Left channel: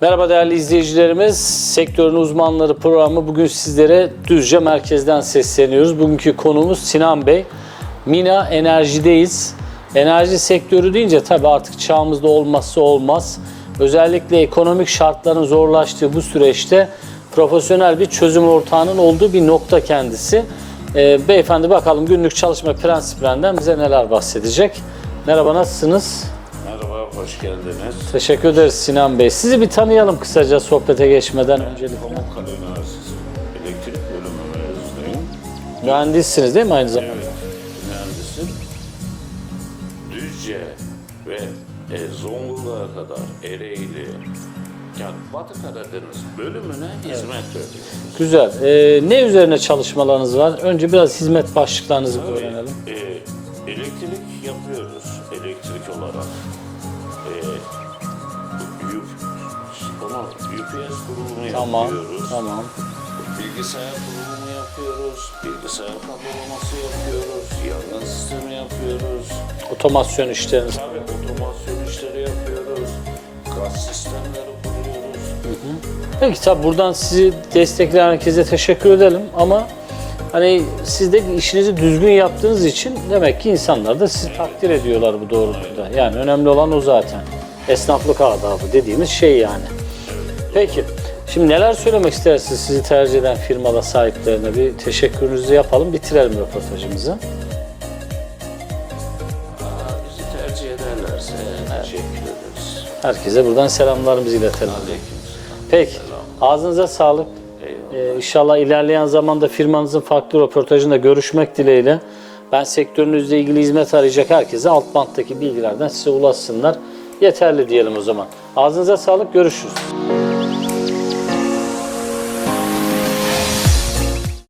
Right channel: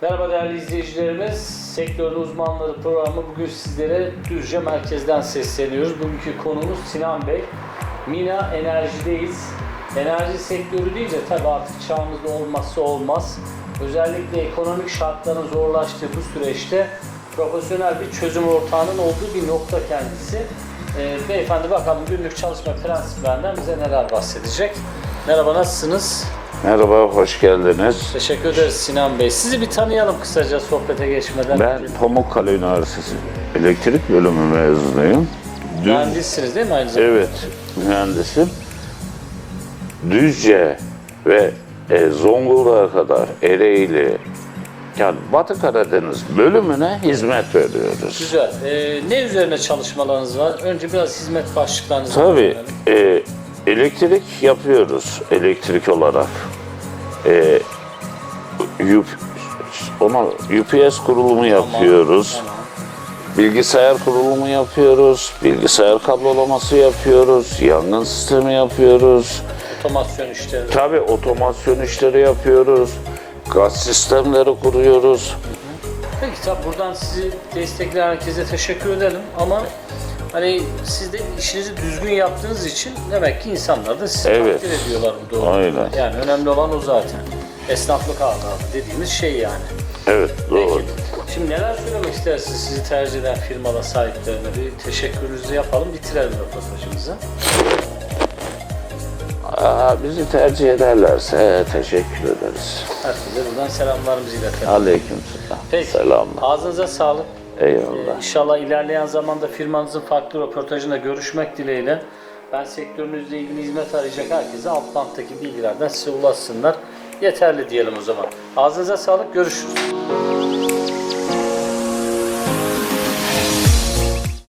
Merhaba değerli izleyicilerimiz. Sektörün uzmanları programı bugün sizlere Düzce merkezden sesleniyoruz. Bugünkü konumuz Sinan Bey. Mina Enerji'deyiz. Enerji sektörü deyince tabii artık çağımızda olmazsa olmaz. Özellikle ekonomik şartların zorlaştığı bu süreçte profesyonel bir çözüm ortağının olduğu bir nokta kendisi. Ee, beyefendi bakalım günlük çalışma prensiplerinden bize neler bahsedecek. Merhaba nasılsınız? Merhaba, hoş geldiniz. Teşekkür ederiz Sinan Bey. Sizi bir tanıyalım kısaca sohbete geçmeden Ben önce. Pamukkale Üniversitesi elektrik bölümü mezunuyum. Mühendissiniz değil mi aynı zamanda? Evet, mühendisim. Düzce ve e, Zonguldak'a kadar Ereğli, yani Batı Karadeniz bölümüne hizmet veriyoruz. Güzel. Ee, ne üzerine çalışmalarınız var? Önce biraz hizmet başlıklarınızı Tabii, öğrenelim. e, elektrik yapıyoruz, elektrik olarak. E, UP, ona UPS kurulumu yapıyoruz. Tamam. Bilgisayar kurulumu yapıyoruz, bilgisayar kablolaması yapıyoruz, yangın sistemi yapıyoruz. Otomasyon işleri. Tabii otomasyon işleri yapıyoruz, gaz sistemleri kuruyoruz. Peki tabii buradan sizi destekleyen herkese teşekkür edelim ama hani siz de işinizi düzgün yaptığınız için demek ki insanlar da sizi Evet. takdir ediyorlar bu doğrultuda. Aynen. Yani önemli olan o zaten. Esnaflık adabı dediğimiz şey yani. Evet, doğru. Peki. Şimdi neler söylemek istersiniz sizi tercih eden firmada sahiplerine? Bir teşekkürünüzü yapalım, bitirelim röportajımızı. Aa, bizi tercih ederlerse teşekkür ederiz. Herkese buradan selamlarımızı iletelim. Aleyküm selam. Peki. Selamlar. Ağzınıza sağlık. Eyvallah. İnşallah ilerleyen zamanda firmanızın farklı röportajında görüşmek dileğiyle. Ben sektörünüzle ilgili hizmet arayacak herkese alt banttaki bilgilerden size ulaşsınlar. Yeterli diyelim o zaman. Ağzınıza sağlık, görüşürüz.